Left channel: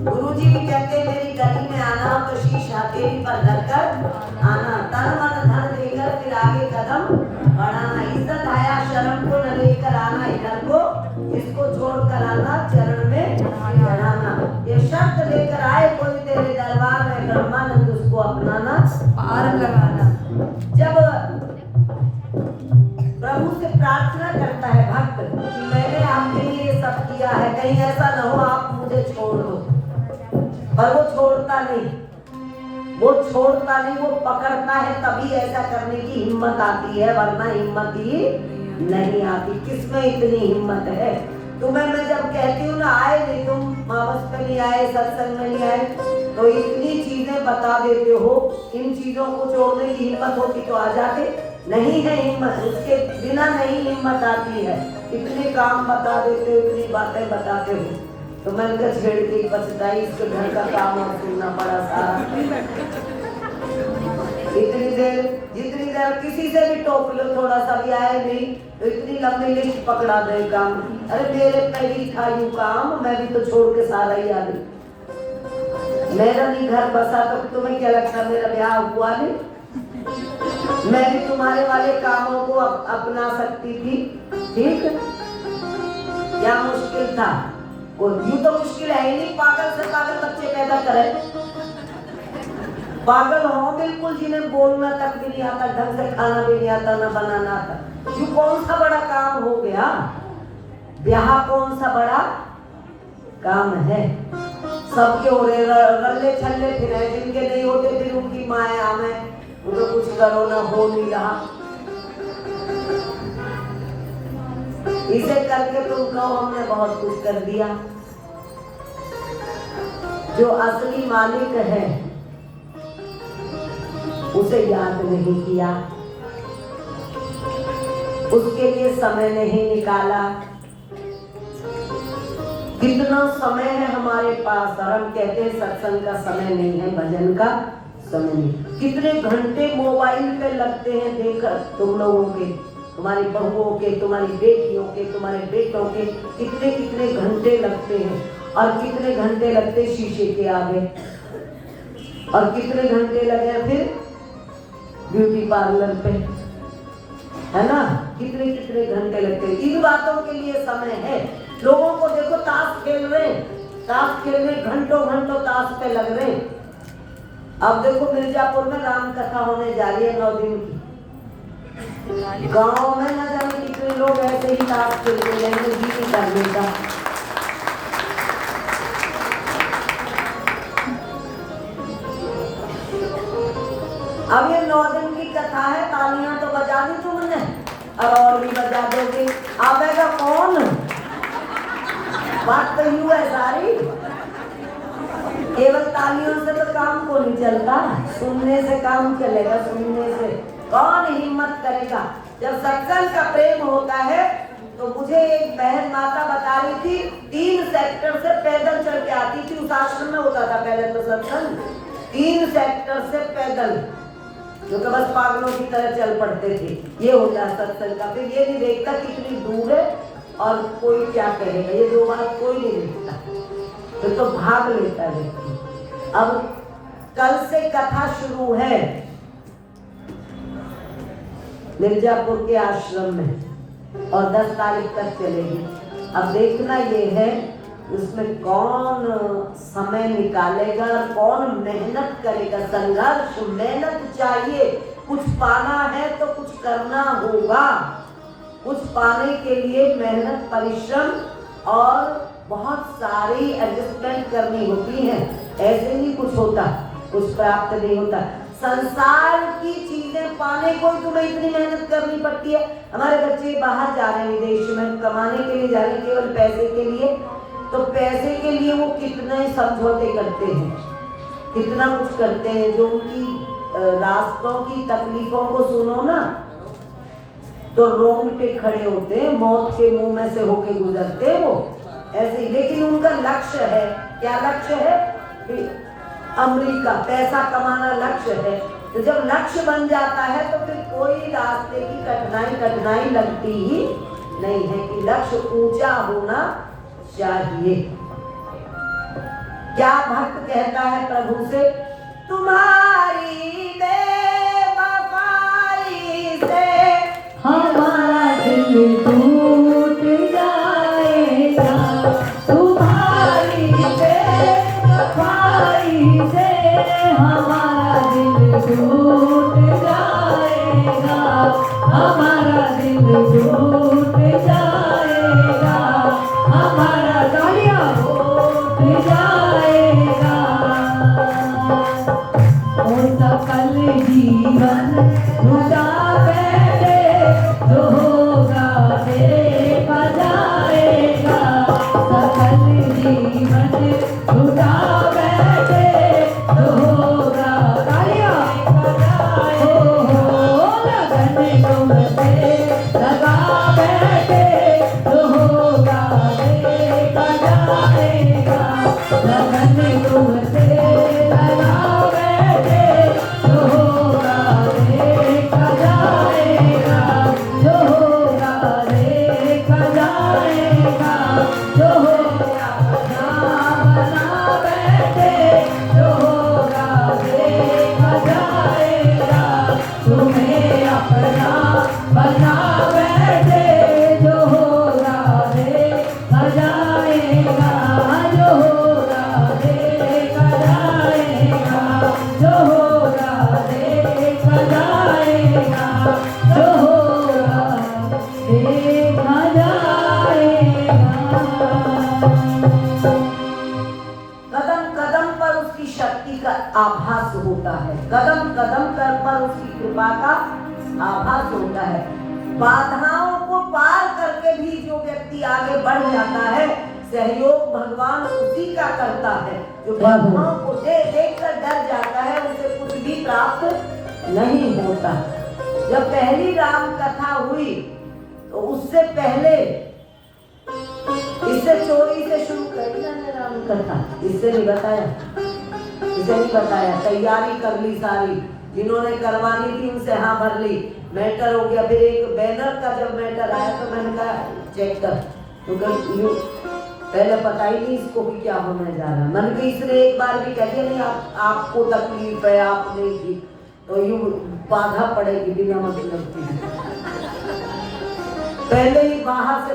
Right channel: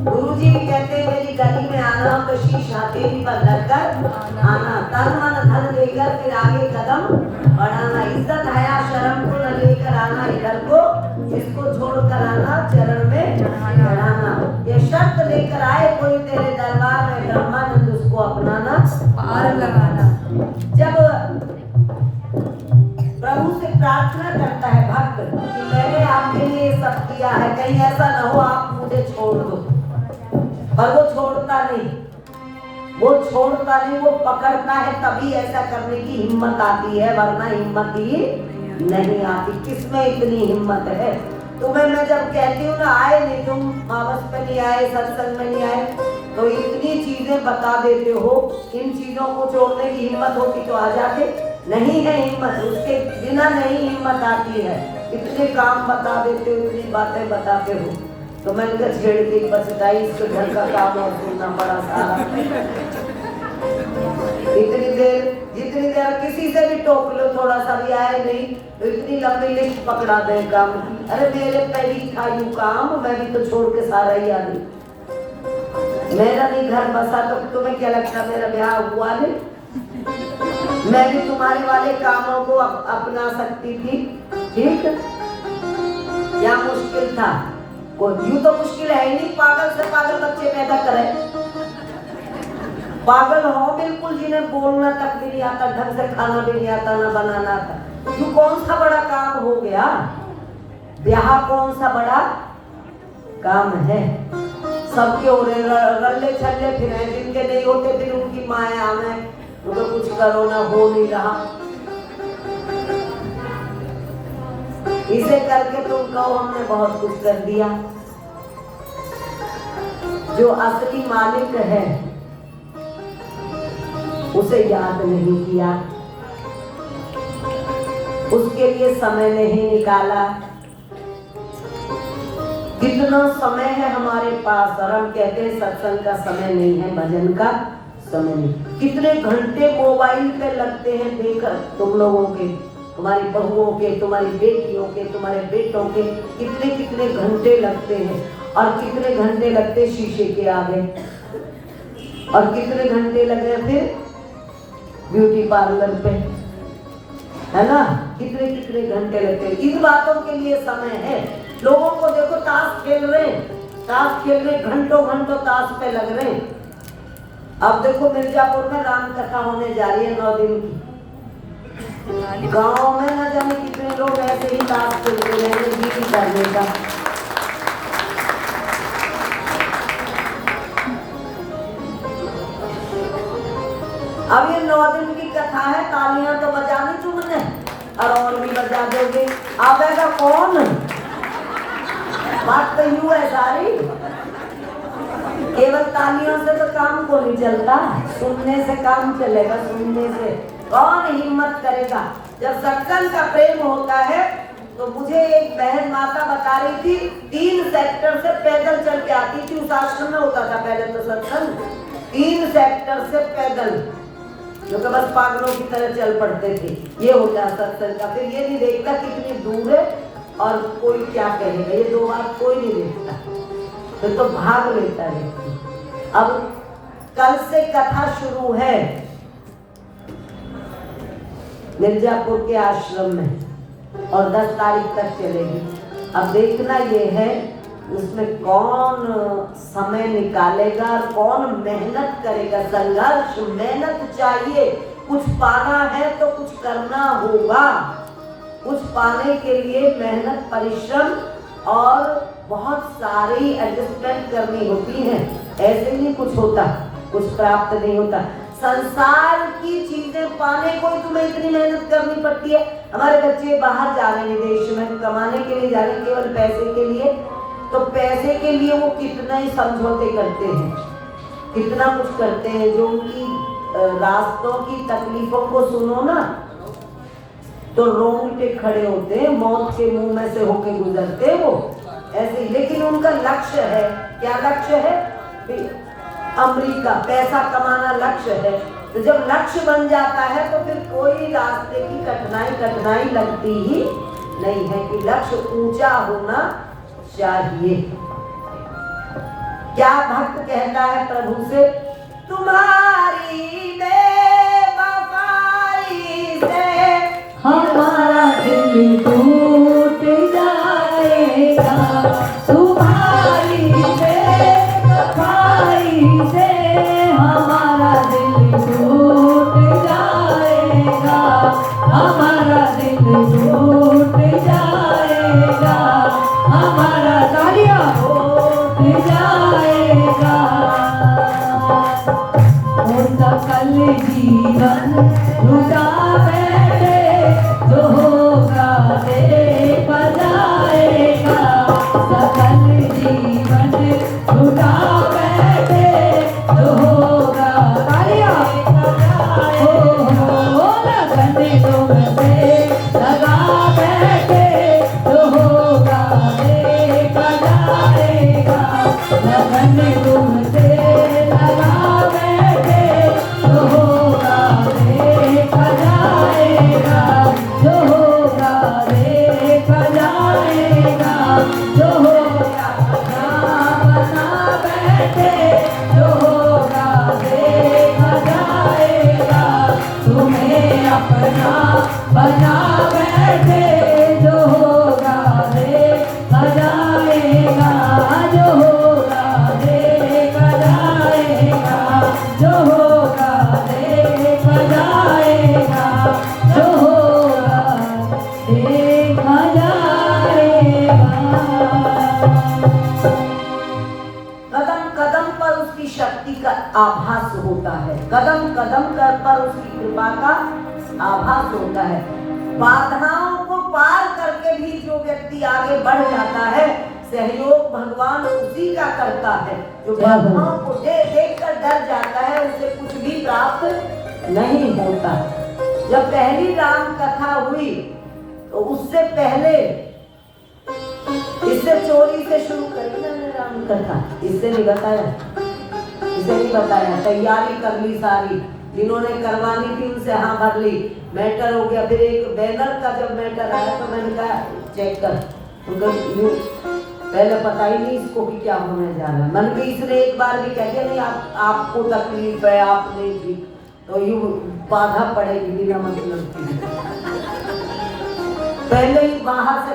गुरुजी भी कहते मेरी गली में आना तो शीश हथेली पर धरकर आना, तन मन धन देकर फिर आगे कदम बढ़ाना, इज्जत आया शर्म को न लेकर आना, इधर को इसको छोड़कर आना, चरण में चढ़ाना, ये शर्त लेकर आए कोई तेरे दरबार में ब्रह्मानंद उसको अपनाना पार लगाना। जब प्रभु से प्रार्थना करता है भक्त कि मैंने आपके लिए सब किया है, कहीं ऐसा न हो आप मुझे छोड़ दो, और वो छोड़ता नहीं, वो पकड़ता है, तभी ऐसा करने की हिम्मत आती है, वरना हिम्मत ही नहीं आती। किसमें इतनी हिम्मत है? तुम्हें मैं जब कहती हूँ ना आए नहीं, तुम मावस पे नहीं आए, सत्संग में नहीं आए, तो इतनी चीजें बता देते हो, इन चीजों को छोड़ने की हिम्मत होती तो आ जाते, नहीं है हिम्मत, उसके बिना नहीं हिम्मत आती है। इतने काम बता देते हो, इतनी बातें बताते हो, तो मैं उनका छेड़ के बचताई इसके घर का काम और सुनना पड़ा सारा। इतनी देर जितनी देर किसी से भी टोक लो, थोड़ा सा भी आए नहीं तो इतनी लंबी लिस्ट पकड़ा दे काम की। अरे मेरे पे ही था यूं काम, मैं भी तो छोड़ के सारा ही आ गई। मेरा नहीं घर बसा तो तुम्हें क्या लगता मेरा ब्याह हुआ नहीं? मैं भी तुम्हारे वाले कामों को अपना सकती थी, ठीक? क्या मुश्किल था? यूं तो मुश्किल है ही नहीं, पागल से पागल बच्चे पैदा करें, पागल हो बिल्कुल, जिन्हें बोलना तक भी नहीं आता, ढंग से खाना भी नहीं आता, ना बनाना आता। यूं कौन सा बड़ा काम हो गया? ब्याह कौन सा बड़ा काम है? सबके हो रहे रल्ले छल्ले फिर जिनके नहीं होते फिर उनकी माया में उनको कुछ करो ना, हो नहीं रहा। इसे करके तुम कहो हमने बहुत कुछ कर दिया। जो असली मालिक है उसे याद नहीं किया, उसके लिए समय नहीं निकाला। कितना समय है हमारे पास, और हम कहते हैं सत्संग का समय नहीं है, भजन का समय नहीं। कितने घंटे मोबाइल पे लगते हैं, देखकर तुम लोगों के, तुम्हारी बहुओं के, तुम्हारी बेटियों के, तुम्हारे बेटों के कितने कितने घंटे लगते हैं, और कितने घंटे लगते शीशे के आगे, और कितने घंटे लगे फिर ब्यूटी पार्लर पे, है ना? कितने कितने घंटे लगते हैं। इन बातों के लिए समय है। लोगों को देखो ताश खेल रहे, ताश खेलने घंटों घंटों ताश पे लग रहे। अब देखो मिर्जापुर में राम कथा होने जा रही है 9 दिन की। गाँव में न जाने कितने लोग ऐसे ही ताश खेलते रहेंगे जीती करने का। अब ये 9 दिन की कथा है, तालियां तो बजा दी तुमने और भी बजा दोगे, आवेगा कौन? बात तो यूं है सारी, केवल तालियों से तो काम को नहीं चलता, सुनने से काम चलेगा। सुनने से कौन हिम्मत करेगा? जब सत्संग का प्रेम होता है तो मुझे एक बहन माता बता रही थी, 3 सेक्टर से पैदल चल के आती थी, उस आश्रम में होता था पहले तो सत्संग, 3 सेक्टर से पैदल, जो कि बस पागलों की तरह चल पड़ते थे। ये हो जाए सत्संग का, फिर ये नहीं देखता कितनी दूर है और कोई क्या कहेगा, ये 2 बात कोई नहीं देखता, फिर तो भाग लेता है व्यक्ति। अब कल से कथा शुरू है मिर्जापुर के आश्रम में और 10 तारीख तक चलेगी। अब देखना ये है उसमें कौन समय निकालेगा, कौन मेहनत करेगा। संघर्ष मेहनत चाहिए, कुछ पाना है तो कुछ करना होगा, कुछ पाने के लिए मेहनत परिश्रम और बहुत सारी एडजस्टमेंट करनी होती है। ऐसे नहीं कुछ होता, कुछ प्राप्त नहीं होता। संसार की चीजें पाने को तुम्हें इतनी मेहनत करनी पड़ती है। हमारे बच्चे बाहर जा रहे हैं देश में कमाने के लिए, जा रहे हैं केवल पैसे के लिए, तो पैसे के लिए वो कितना ही समझौते करते हैं, कितना कुछ करते हैं। जो उनकी रास्तों की तकलीफों को सुनो ना, तो रोंगटे खड़े होते, मौत के मुंह में से होके गुजरते वो ऐसे ही। लेकिन उनका लक्ष्य है, क्या लक्ष्य है? अमेरिका, पैसा कमाना लक्ष्य है। तो जब लक्ष्य बन जाता है तो फिर कोई रास्ते की कठिनाई लगती ही नहीं है कि लक्ष्य ऊंचा होना चाहिए। क्या भक्त कहता है प्रभु से? तुम्हारी बेवफाई से हमारा दिल टूट जाएगा, तुम्हारी बेवफाई से हमारा दिल टूट जाएगा, हमारा दिल टूट जाएगा, हमारा गालियाँ टूट जाएगा। और सकल जीवन लुटा बैठे जो होगा देखा जाएगा, सकल जीवन लुटा बैठे जो होगा लगन तुमसे लगा बैठे जो होगा देखा जाएगा, लगन तुमसे लगा बैठे जो होगा देखा जाएगा, जो होगा देखा जाएगा, जो होगा बना बैठे जो होगा देखा जाएगा, तुम्हें अपना बना बैठे जो होगा देखा जाएगा, जो होगा देखा जाएगा, जो होगा देखा जाएगा, जो होगा देखा जाएगा। कदम कदम पर उसकी शक्ति का आभास होता है, कदम कदम पर उसकी कृपा का आभास होता है। बाधाओं को पार करके भी जो व्यक्ति आगे बढ़ जाता है, सहयोग भगवान उसी का करता है। जो बाधाओं को देख कर डर जाता है, उसे कुछ भी प्राप्त नहीं होता। जब पहली राम कथा हुई तो उससे पहले इससे चोरी से शुरू करी मैंने राम कथा, इससे नहीं बताया, इसे नहीं बताया। तैयारी कर ली सारी, जिन्होंने करवानी थी उनसे हाँ भर ली, मैटर हो गया। फिर एक बैनर का जब मैटर आया तो मैंने कहा चेक कर, पहले पता ही नहीं इसको कि क्या होने जा रहा है। मन भी इसने एक बार भी कह दिया नहीं आपको तकलीफ है, आप नहीं थी तो यूं बाधा पड़ेगी बिना मतलब की। पहले ही बाहर से